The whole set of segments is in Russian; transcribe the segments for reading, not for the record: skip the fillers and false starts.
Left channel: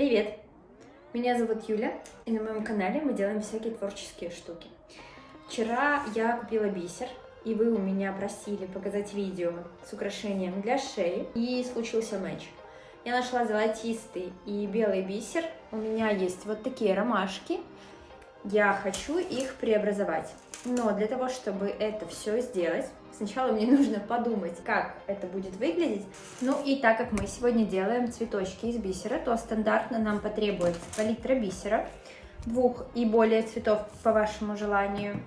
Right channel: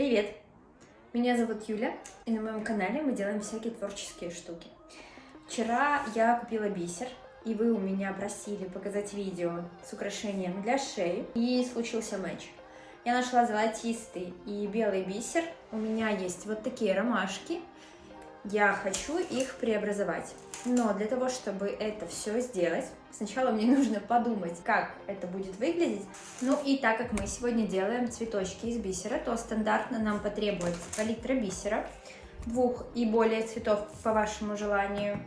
Привет! Меня зовут Юля, и на моем канале мы делаем всякие творческие штуки. Вчера я купила бисер, и вы у меня просили показать видео с украшением для шеи, и случился матч. Я нашла золотистый и белый бисер, у меня есть вот такие ромашки, я хочу их преобразовать. Но для того, чтобы это все сделать, сначала мне нужно подумать, как это будет выглядеть. Ну и так как мы сегодня делаем цветочки из бисера, то стандартно нам потребуется палитра бисера, 2 и более цветов по вашему желанию,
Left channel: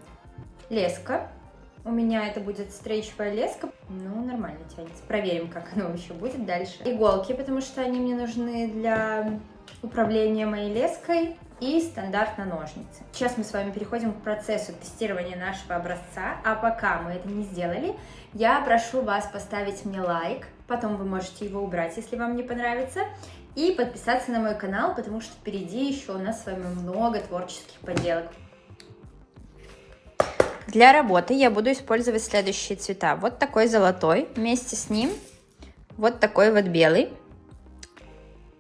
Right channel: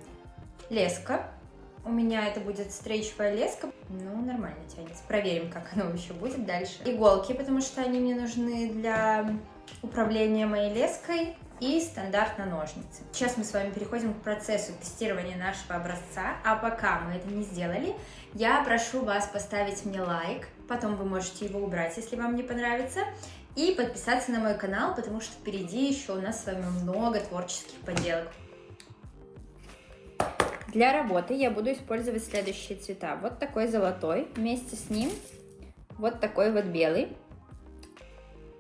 леска. У меня это будет стрейчевая леска, ну нормально тянется. Проверим, как оно еще будет дальше. Иголки, потому что они мне нужны для управления моей леской. И стандартно ножницы. Сейчас мы с вами переходим к процессу тестирования нашего образца, а пока мы это не сделали, я прошу вас поставить мне лайк, потом вы можете его убрать, если вам не понравится, и подписаться на мой канал, потому что впереди еще у нас с вами много творческих поделок. Для работы я буду использовать следующие цвета. Вот такой золотой, вместе с ним вот такой вот белый.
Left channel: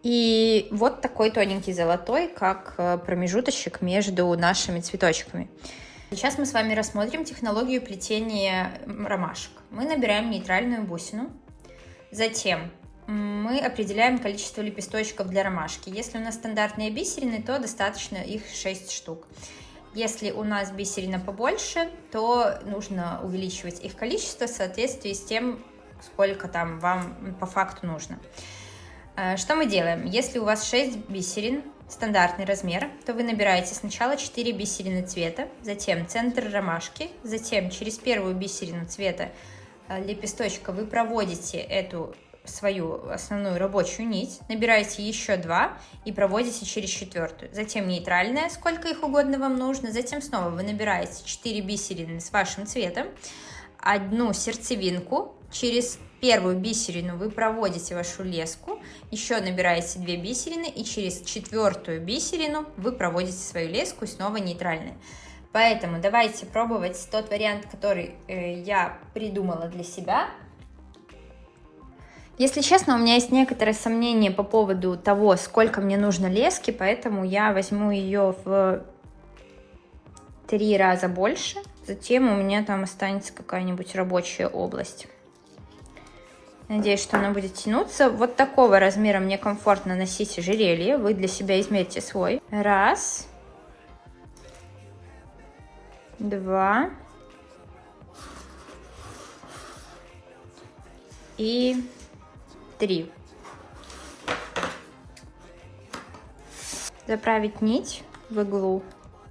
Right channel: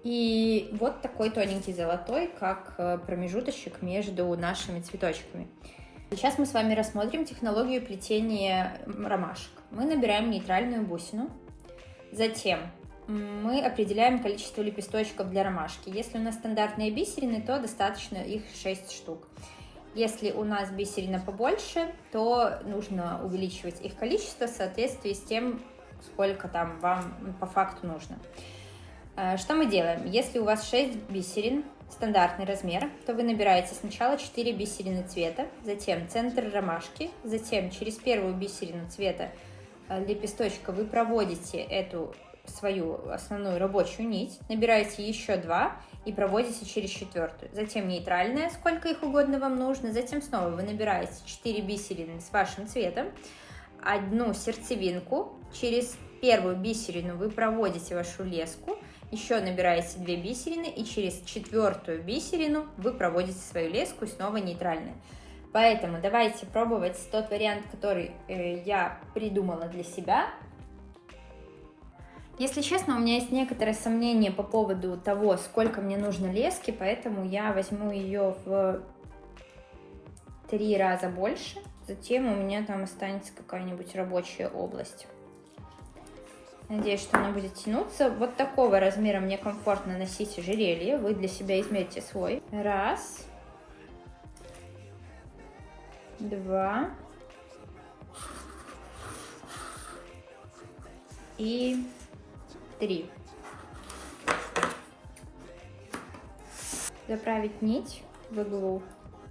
И вот такой тоненький золотой, как промежуточек между нашими цветочками. Сейчас мы с вами рассмотрим технологию плетения ромашек. Мы набираем нейтральную бусину, затем мы определяем количество лепесточков для ромашки. Если у нас стандартные бисерины, то достаточно их 6 штук. Если у нас бисерина побольше, то нужно увеличивать их количество в соответствии с тем, сколько там вам по факту нужно. Что мы делаем? Если у вас 6 бисерин, стандартный размер, то вы набираете сначала 4 бисерины цвета, затем центр ромашки, затем через первую бисерину цвета лепесточка вы проводите эту свою основную рабочую нить, набираете еще 2 и проводите через четвертую. Затем нейтральная, сколько их угодно вам нужно, затем снова вы набираете 4 бисерины с вашим цветом, одну сердцевинку, через первую бисерину вы проводите вашу леску, еще набираете 2 бисерины и через четвертую бисерину вы проводите свою леску и снова нейтральная. Поэтому давайте пробовать тот вариант, который я придумала для себя. Если честно, у меня есть некоторые сомнения по поводу того, сколько мне нужно лески, поэтому я возьму ее в 3 раза больше. Затем у меня там останется какая-нибудь рабочая область. Надеюсь, что она будет тянуться. Вот такого размера мне комфортно носить ожерелье. Вы для себя измерьте свой. 1, 2 и 3. Заправить нить в иглу,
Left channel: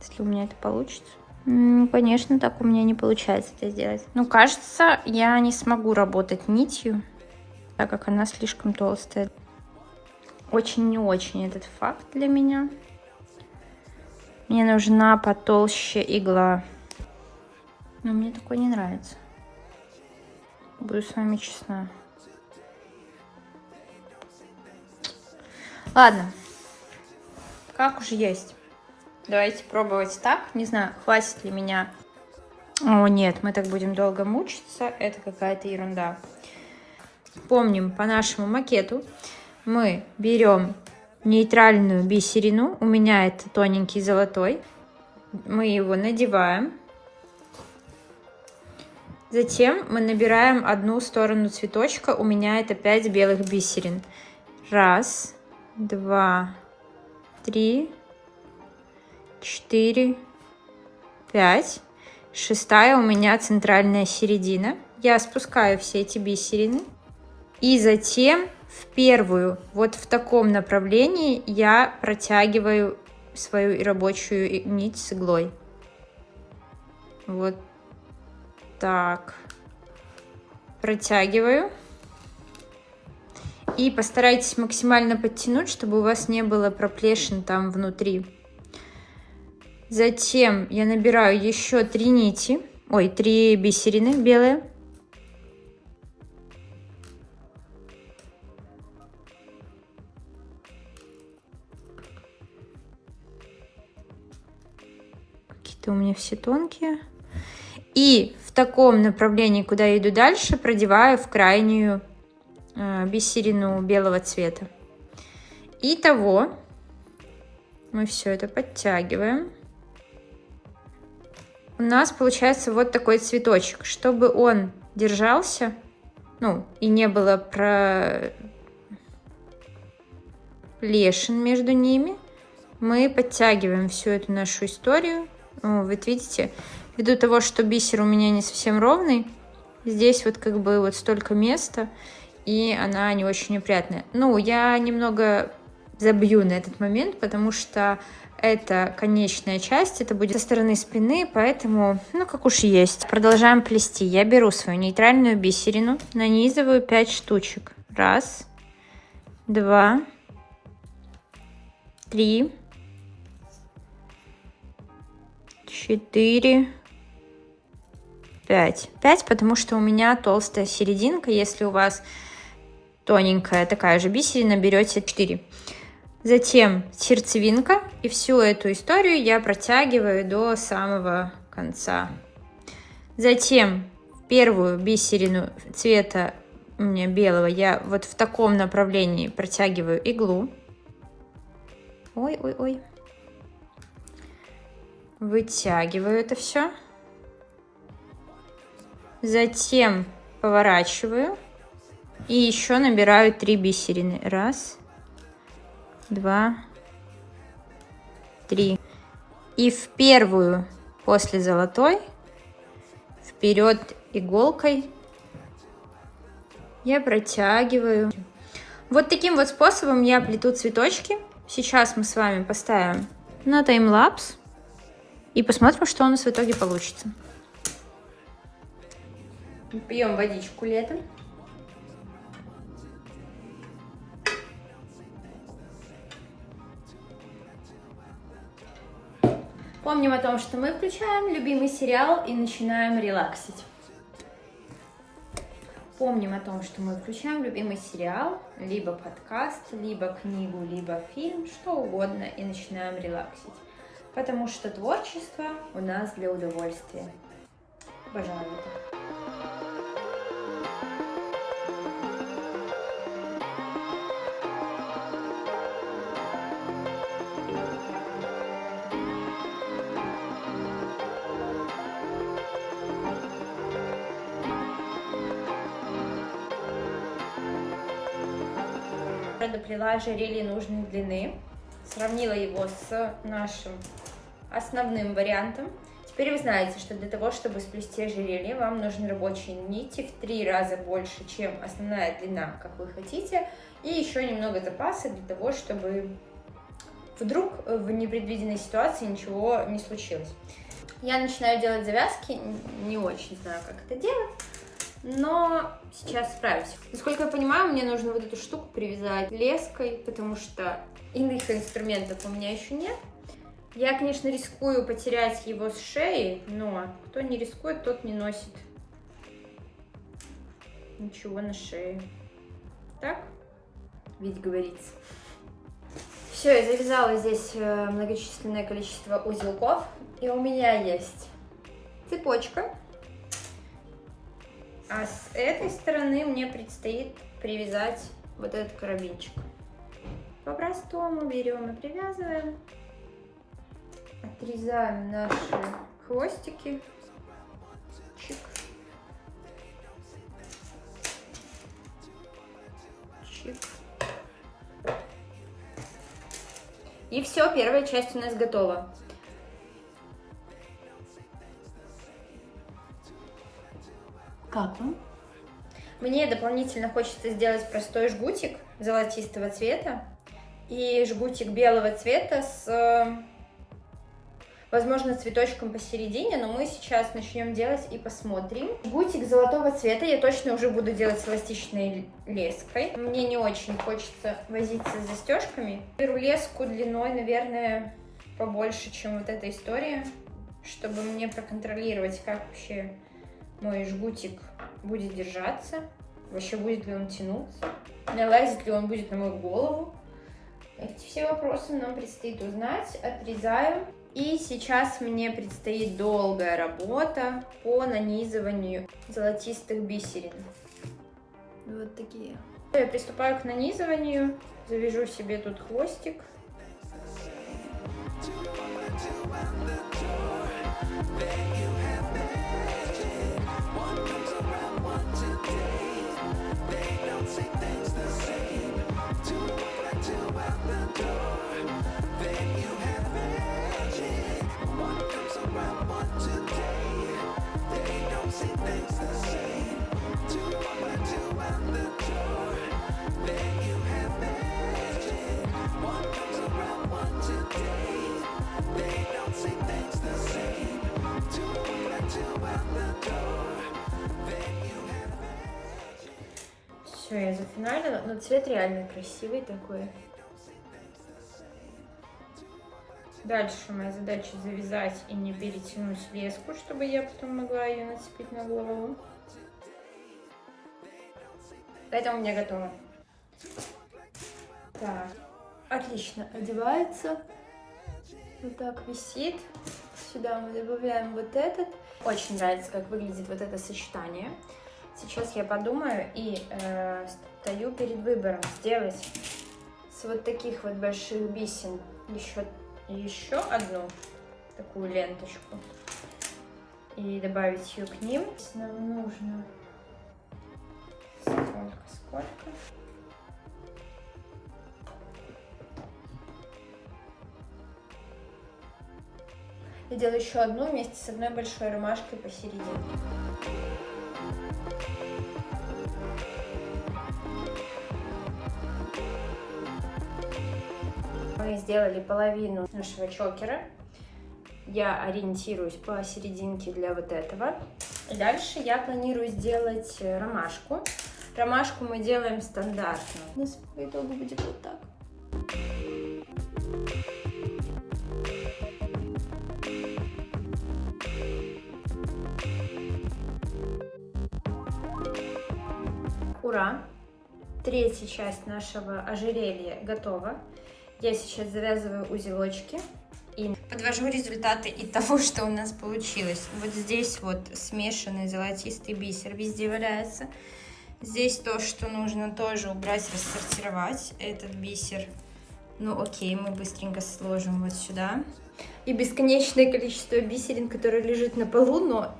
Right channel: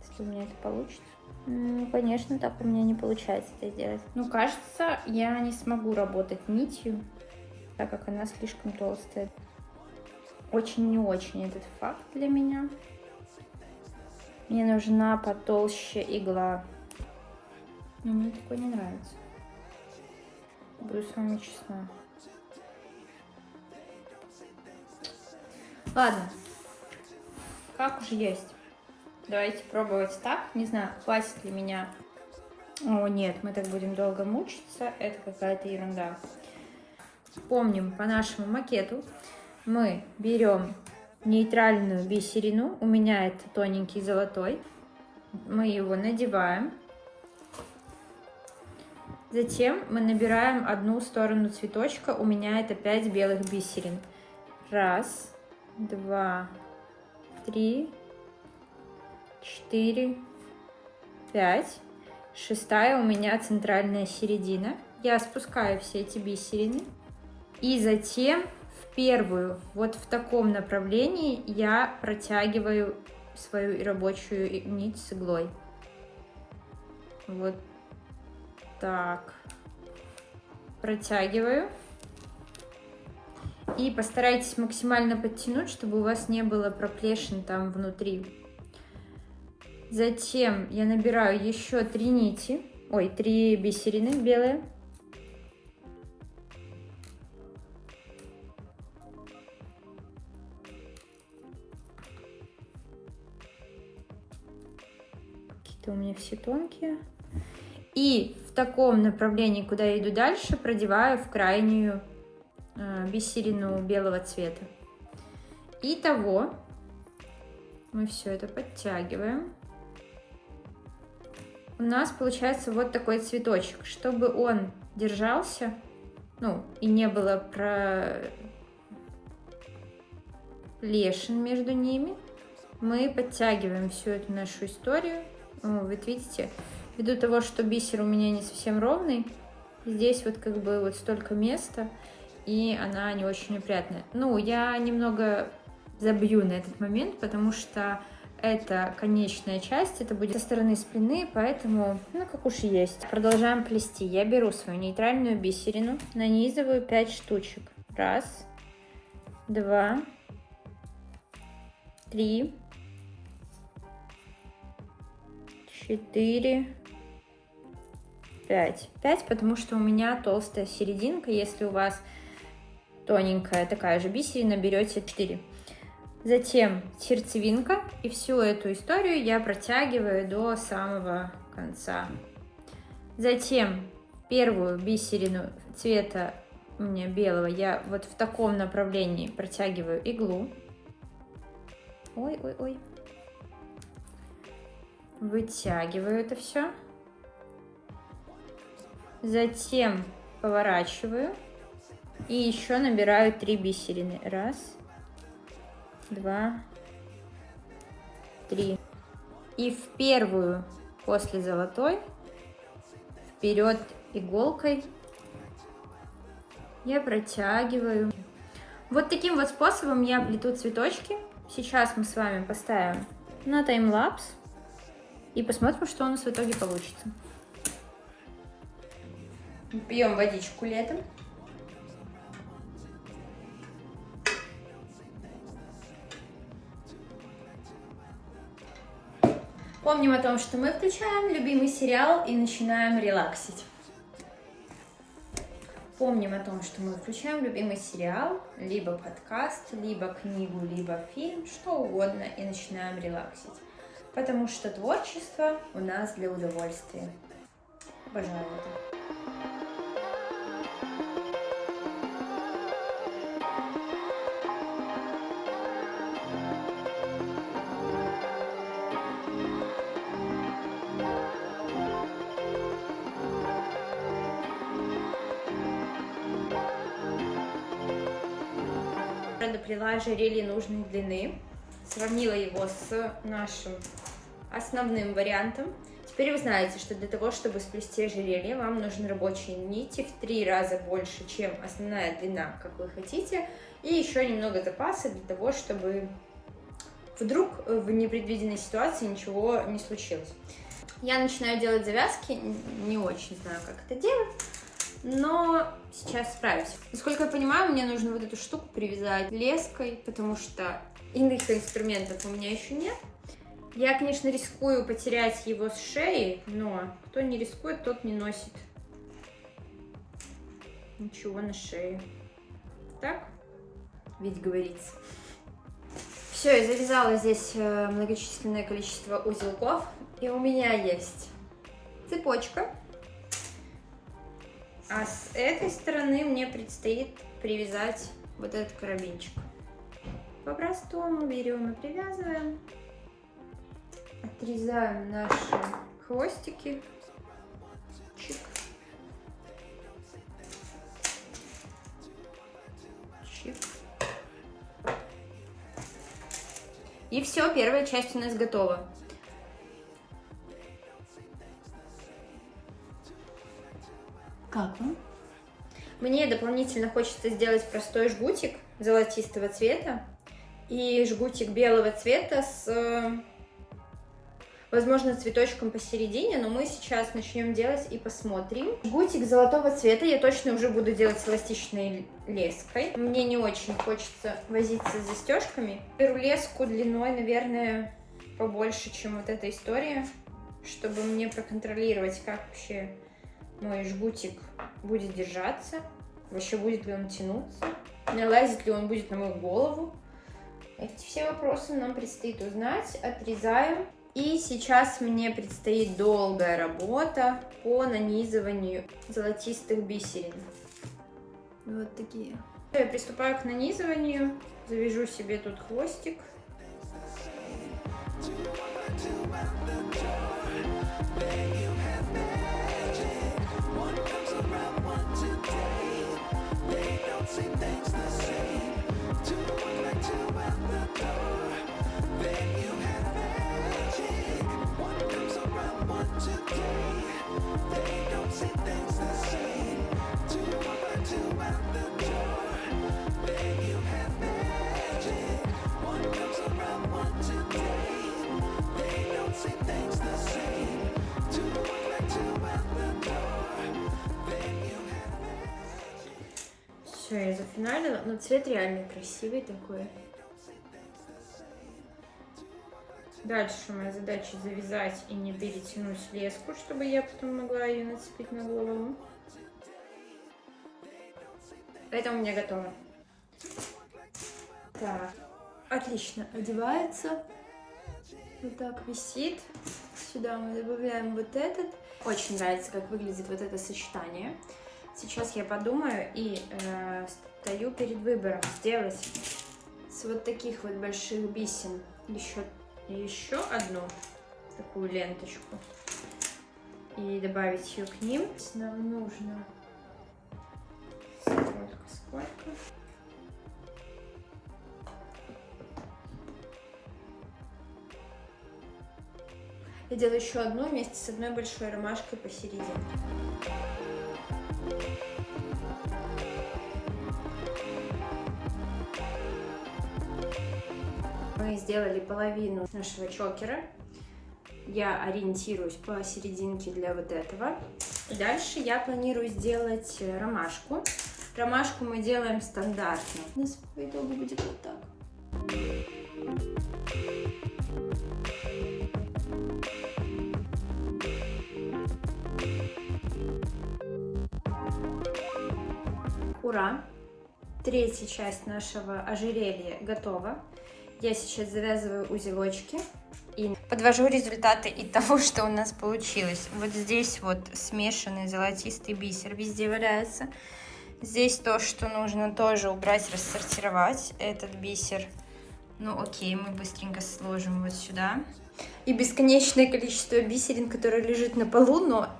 если у меня это получится. Конечно, так у меня не получается это сделать. Но кажется, я не смогу работать нитью, так как она слишком толстая. Очень не очень этот факт для меня. Мне нужна потолще игла. Но мне такое не нравится. Буду с вами честна. Ладно. Как уж есть. Давайте пробовать так. Не знаю, хватит ли меня. О, нет, мы так будем долго мучиться. Это какая-то ерунда. Помним, по нашему макету мы берем нейтральную бисерину. У меня это тоненький золотой. Мы его надеваем. Затем мы набираем одну сторону цветочка. У меня это 5 белых бисерин. 1, 2, 3, 4, 5. 6-я у меня центральная середина. Я спускаю все эти бисерины. И затем в первую, вот в таком направлении, я протягиваю свою рабочую нить с иглой. Вот так. Протягиваю. И постарайтесь максимально подтянуть, чтобы у вас не было проплешин там внутри. Затем я набираю еще 3 нити, 3 бисерины белые. Какие-то у меня все тонкие. И в таком направлении, куда я иду дальше, продеваю в крайнюю бисерину белого цвета. Итого Мы все это подтягиваем. У нас получается вот такой цветочек. Чтобы он держался, ну, и не было пролешин между ними, мы подтягиваем всю эту нашу историю. Вот видите, ввиду того, что бисер у меня не совсем ровный, здесь вот как бы вот столько места, и она не очень опрятная. Ну, я немного забью на этот момент, потому что это конечная часть, это будет со стороны спины, поэтому, ну, как уж есть. Продолжаем плести. Я беру свою нейтральную бисерину, нанизываю 5 штучек. 1, 2, 3, 4, 5. 5, потому что у меня толстая серединка. Если у вас тоненькая такая же бисерина, берете 4. Затем сердцевинка, и всю эту историю я протягиваю до самого конца. Затем первую бисерину цвета у меня белого я вот в таком направлении протягиваю иглу. Ой-ой-ой. Вытягиваю это все. Затем поворачиваю и еще набираю 3 бисерины. 1, 2, 3. И в первую после золотой вперед иголкой я протягиваю. Вот таким вот способом я плету цветочки. Сейчас мы с вами поставим на таймлапс и посмотрим, что у нас в итоге получится. Пьем водичку летом. Помним о том, что мы включаем любимый сериал и начинаем релаксить. Помним о том, что мы включаем любимый сериал, либо подкаст, либо книгу, либо фильм, что угодно, и начинаем релаксить. Потому что творчество у нас для удовольствия. Обожаю это. Доплела ожерелье нужной длины, сравнила его с нашим основным вариантом. Теперь вы знаете, что для того, чтобы сплести ожерелье, вам нужны рабочие нити в 3 раза больше, чем основная длина, как вы хотите, и еще немного запаса для того, чтобы вдруг в непредвиденной ситуации ничего не случилось. Я начинаю делать завязки, не очень знаю, как это делать, но сейчас справлюсь. Насколько я понимаю, мне нужно вот эту штуку привязать леской, потому что иных инструментов у меня еще нет. Я, конечно, рискую потерять его с шеи, но кто не рискует, тот не носит ничего на шее. Так ведь говорится. Все, я завязала здесь многочисленное количество узелков, и у меня есть цепочка. А с этой стороны мне предстоит привязать вот этот карабинчик. По-простому берем и привязываем. Отрезаем наши хвостики. Чик. Чик. И все, первая часть у нас готова. Как вам? Мне дополнительно хочется сделать простой жгутик золотистого цвета и жгутик белого цвета с, возможно, цветочком посередине, но мы сейчас начнем делать и посмотрим. Жгутик золотого цвета я точно уже буду делать с эластичной леской. Мне не очень хочется возиться с застежками. Беру леску длиной, наверное, побольше, чем вот эта история, чтобы мне проконтролировать, как вообще мой жгутик будет держаться, вообще будет ли он тянуться, налазит ли он будет на мою голову. Эти все вопросы нам предстоит узнать. Отрезаем. И сейчас мне предстоит долгая работа по нанизыванию золотистых бисерин. Вот такие. Я приступаю к нанизыванию. Завяжу себе тут хвостик. Все, я зафиналила, но цвет реально красивый такой. Дальше моя задача завязать и не перетянуть леску, чтобы я потом могла ее нацепить на голову. Это у меня готово. Так, отлично одевается. Вот так висит. Сюда мы добавляем вот этот. Очень нравится, как выглядит вот это сочетание. Сейчас я подумаю и стою перед выбором сделать с вот таких вот больших бисер еще одну такую ленточку и добавить ее к ним. Нам нужно сколько. Я делаю еще одну вместе с одной большой ромашкой посередине. Мы сделали половину нашего чокера. Я ориентируюсь по серединке для вот этого. И дальше я планирую сделать ромашку. Ромашку мы делаем стандартно. У нас по итогу будет вот так. Ура! Третья часть нашего ожерелья готова. Я сейчас завязываю узелочки и подвожу результаты и того, что у нас получилось. Вот здесь вот смешанный золотистый бисер везде валяется. Здесь то, что нужно тоже убрать, рассортировать. Этот бисер, ну окей, мы быстренько сложим вот сюда. И бесконечное количество бисерин, которое лежит на полу, но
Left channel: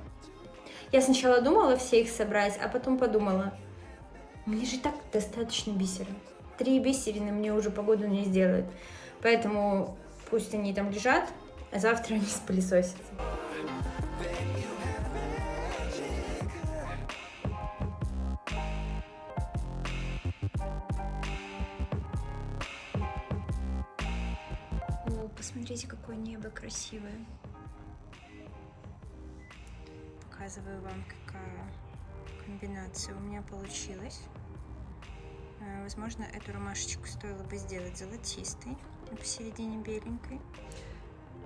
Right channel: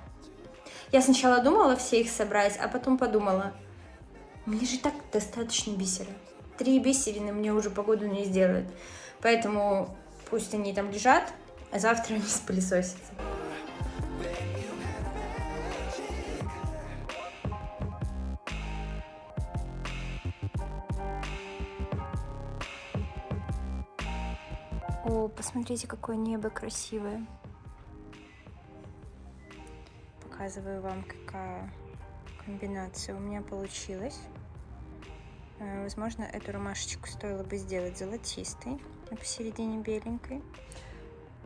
я сначала думала все их собрать, а потом подумала, мне же так достаточно бисера. 3 бисерины мне уже погоду не сделают. Поэтому пусть они там лежат, а завтра они спылесосятся. О, посмотрите, какое небо красивое. Показываю вам, какая комбинация у меня получилась. Возможно, эту ромашечку стоило бы сделать золотистой, а посередине беленькой.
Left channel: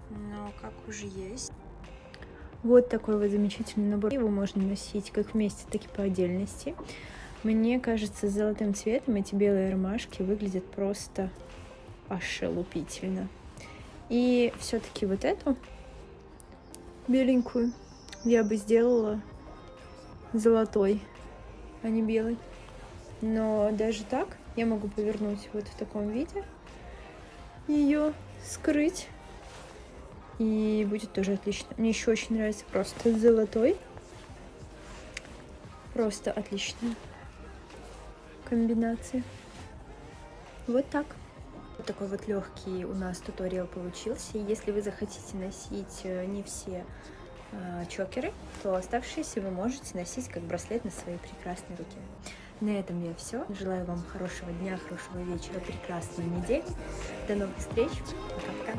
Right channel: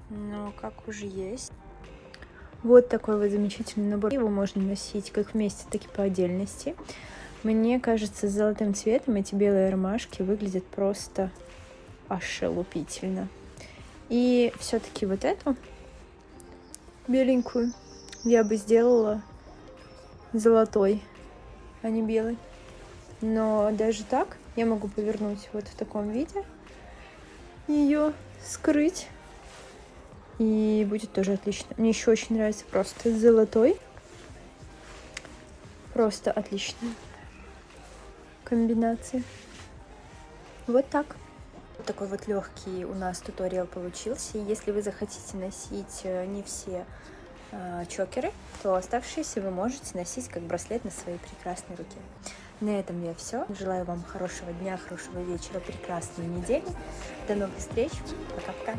Но как уже есть. Вот такой вот замечательный набор. Его можно носить как вместе, так и по отдельности. Мне кажется, с золотым цветом эти белые ромашки выглядят просто ошелупительно. И все-таки вот эту беленькую я бы сделала золотой, а не белой. Но даже так я могу повернуть вот в таком виде, ее скрыть, и будет тоже отлично. Мне еще очень нравится просто золотой. Просто отличная комбинация. Вот так. Такой вот легкий у нас туториал получился. Если вы захотите носить не все чокеры, то оставшиеся вы можете носить как браслет на своей прекрасной руке. На этом я все. Желаю вам хорошего дня, хорошего вечера, прекрасной недели. До новых встреч. Пока-пока.